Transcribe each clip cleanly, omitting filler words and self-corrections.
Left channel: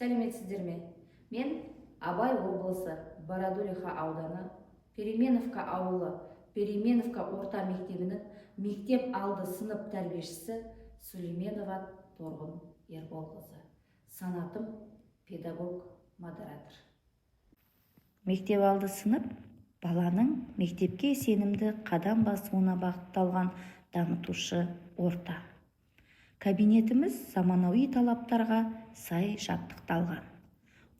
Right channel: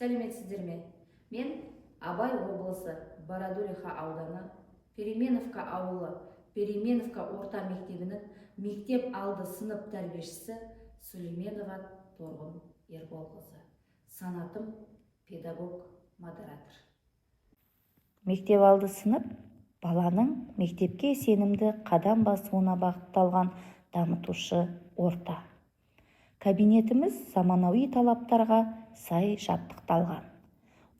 Сәлеметсіздер ме? Мен Абай облысы, Бородулиха ауданы, Переменовка ауылы, Переменовка орта мектебінің мектеп алды сынып тәрбиешісі Сүлейменова Торғын Ерболқызы. Санатым педагог модератор. Мектеп алды сынып баланың мектепке сенімді қадам басуына бағытталған дамытушы орта. Кабинетіміз заманауи талаптарға сай жабдықталған.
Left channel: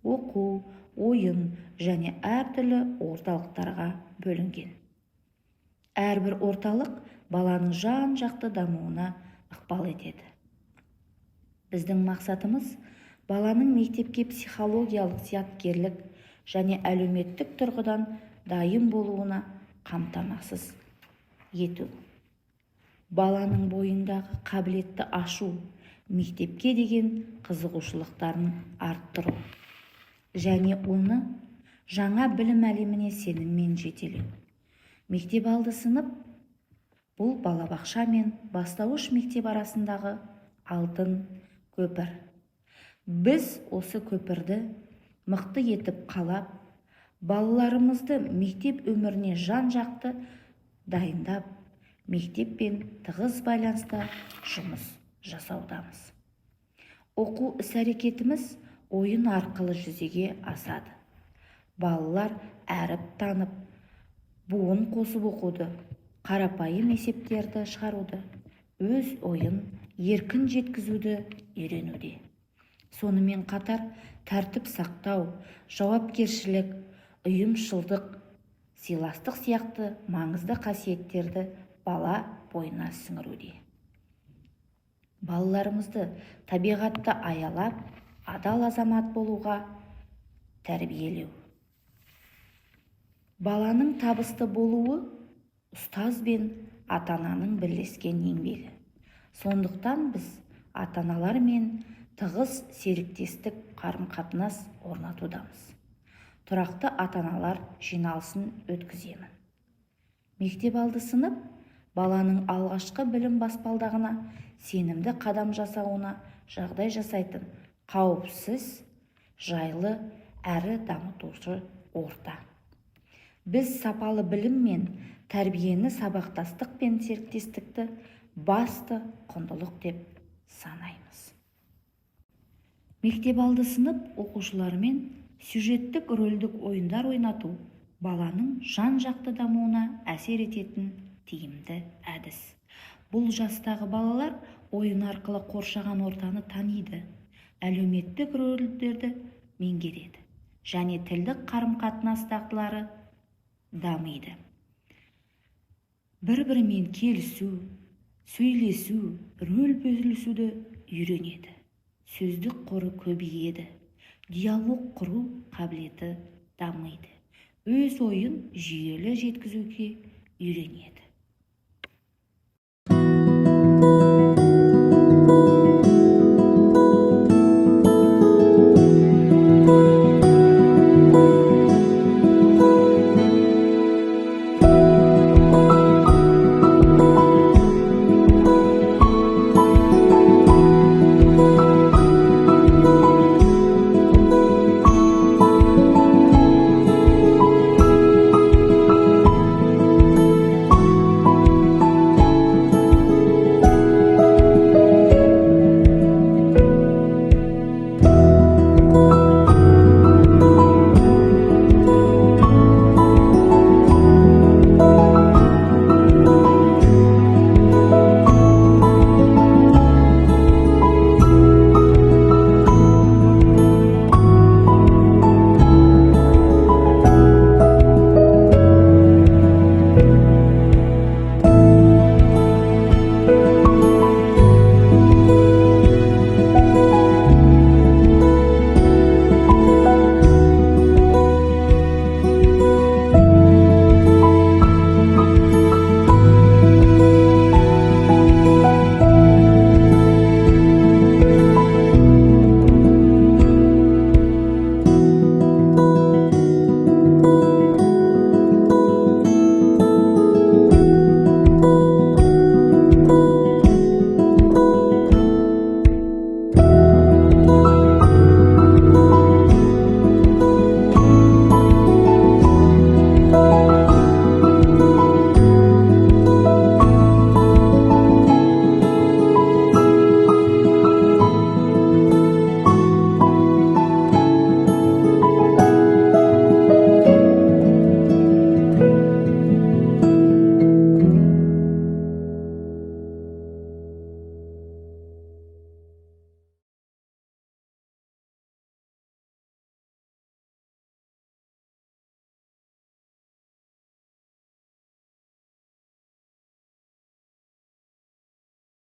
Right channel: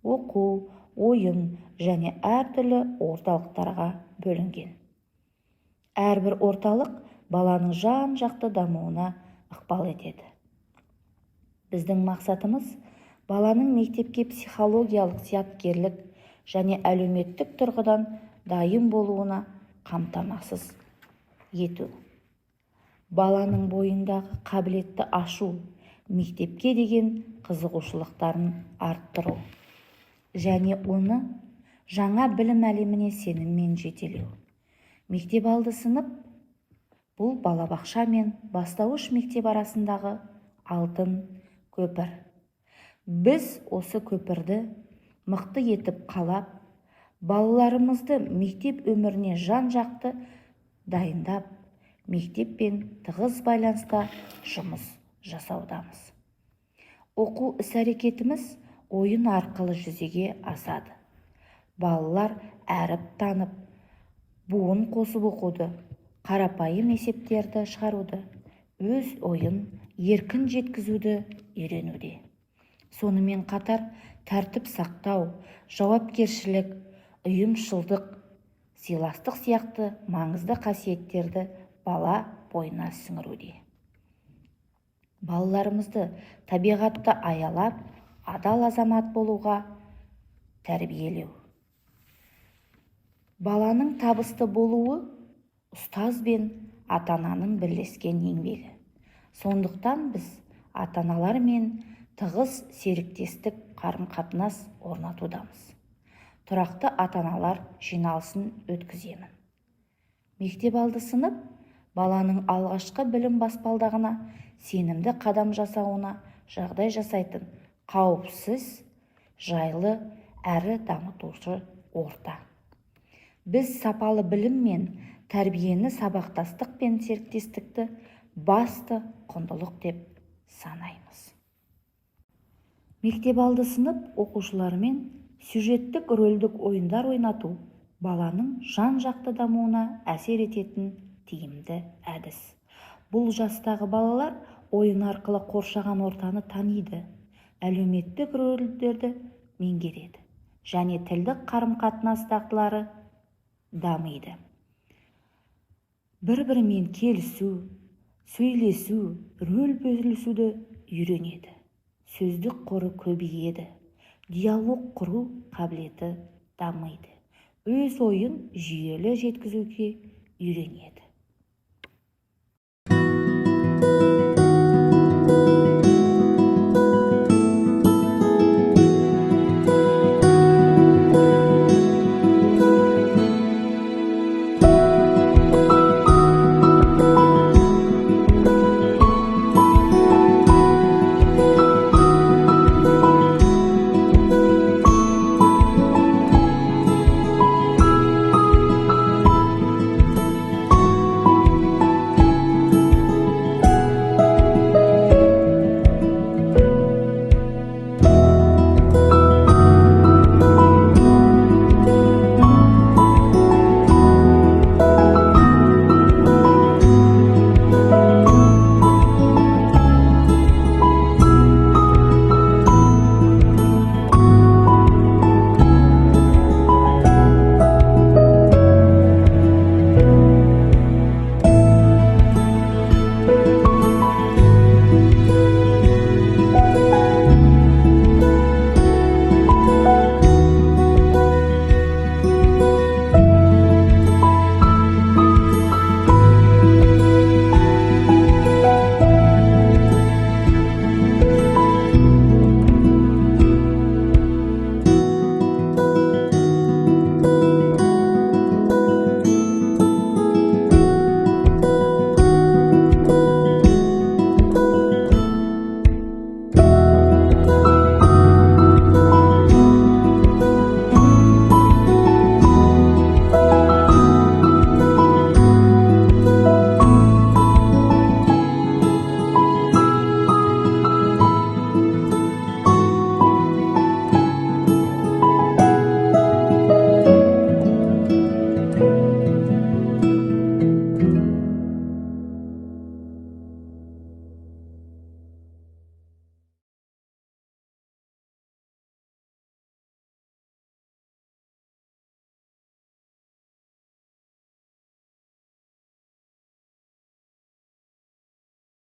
Оқу, ойын және әртүрлі орталықтарға бөлінген. Әрбір орталық баланың жан-жақты дамуына ықпал етеді. Біздің мақсатымыз баланың мектепке психологиялық зияткерлік және әлеуметтік тұрғыдан дайын болуына қамтамасыз ету. Баланың бойындағы қабілетті ашу, мектепке деген қызығушылықтарын арттыру және оны жаңа білім әлеміне сеніммен жетелеу. Мектеп алды сынып бұл балабақша мен бастауыш мектеп арасындағы алтын көпір. Біз осы көпірді мықты етіп қалап, балаларымызды мектеп өміріне жан-жақты дайындап, мектеппен тығыз байланыста жұмыс жасаудамыз. Оқу іс-әрекетіміз ойын арқылы жүзеге асады. Балалар әріп танып, буын қосып оқуды, қарапайым есептерді шығаруды, өз ойын еркін жеткізуді үйренуде. Сонымен қатар тәртіп сақтау, жауапкершілік, ұйымшылдық, сыйластық сияқты маңызды қасиеттерді бала бойына сіңіруде. Балаларымызды табиғатты аялап, адал азамат болуға тәрбиелеу. Баланың табысты болуы ұстаз бен ата-ананың бірлескен еңбегі. Сондықтан біз ата-аналармен тығыз серіктестік қарым-қатынас орнатудамыз. Тұрақты ата-аналар жиналысын өткіземін. Мектеп алды сынып баланың алғашқы білім баспалдағына сенімді қадам жасауына жағдай жасайтын қауіпсіз, жайлы әрі дамытушы орта. Біз сапалы білім мен тәрбиені сабақтастық пен серіктестікті басты құндылық деп санаймыз. Мектеп алды сынып оқушылармен сюжеттік рөлдік ойындар ойнату баланың жан-жақты дамуына әсер ететін тиімді әдіс. Бұл жастағы балалар ойын арқылы қоршаған ортаны таниды, әлеуметтік рөлдерді меңгереді және тілдік қарым-қатынас дағдылары дамиды. Бір-бірімен келісу, сөйлесу, рөл бөлісуді үйренеді. Сөздік қоры көбейеді, диалог құру қабілеті дамиды. Өз ойын жүйелі жеткізуге үйренеді.